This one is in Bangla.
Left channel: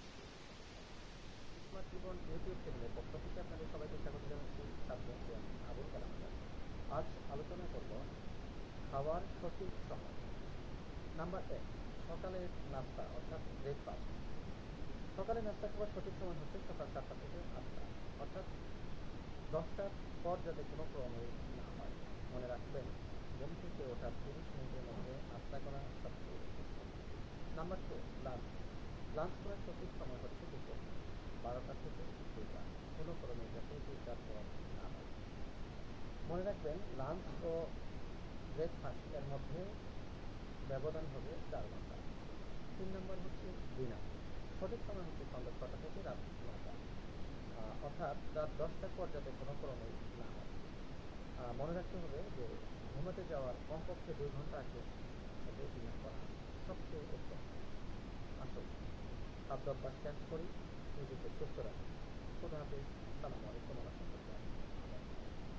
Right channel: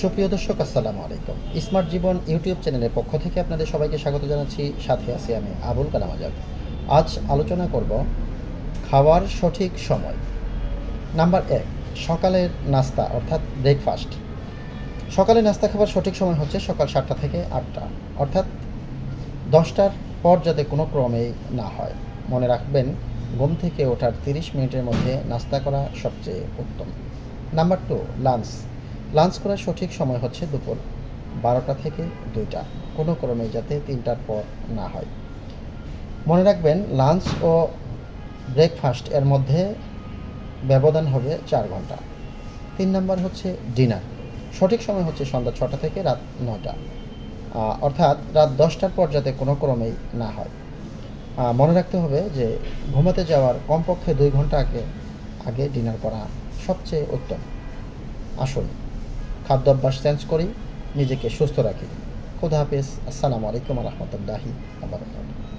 সুপ্রিয় দর্শক, আসসালামু আলাইকুম। স্মার্ট জীবন ইউটিউব চ্যানেলের পক্ষ থেকে আপনাদের সবাইকে স্বাগত জানাচ্ছি। সাথে আছি আমি আবুল কালাম আজাদ। আজ আলোচনা করব খাওয়ার সঠিক সময়। নাম্বার ১, সকালের নাস্তা অর্থাৎ ব্রেকফাস্ট। সকালে নাস্তা খাবার সঠিক সময় হচ্ছে সকাল ৭টা থেকে ৮টা, অর্থাৎ ১০টার পর যাতে কোনো ক্রমেই না হয়। মনে রাখবেন, ঘুম থেকে ওঠার ৩০ মিনিটের মধ্যে নাস্তা করা সবচেয়ে উত্তম। Number ২, lunch. লাঞ্চ করার সঠিক সময় হচ্ছে দুপুর ১২টা থেকে ২টা, কোনো ক্রমেই যাতে ৩টার পর না হয়। মনে রাখবেন, লাঞ্চ ও ব্রেকফাস্ট এর মধ্যে ব্যবধান হবে ৪ ঘন্টা। ৩ নাম্বার হচ্ছে ডিনার। সঠিক সময় হচ্ছে সন্ধ্যা ৬টা থেকে রাত ৯টা, অর্থাৎ রাত ১০টার পর যাতে কোনো ক্রমেই না হয়। মনে রাখতে হবে যে ঘুমাতে যাওয়ার কমপক্ষে ২ ঘন্টা আগে আগে ডিনার করা সবচেয়ে উত্তম। আসুন খাদ্যাভ্যাস চেঞ্জ করি, নিজেকে সুস্থ রাখি। খোদা হাফেজ। আসসালামু আলাইকুম ওয়া রাহমাতুল্লাহি ওয়া বারাকাতুহু।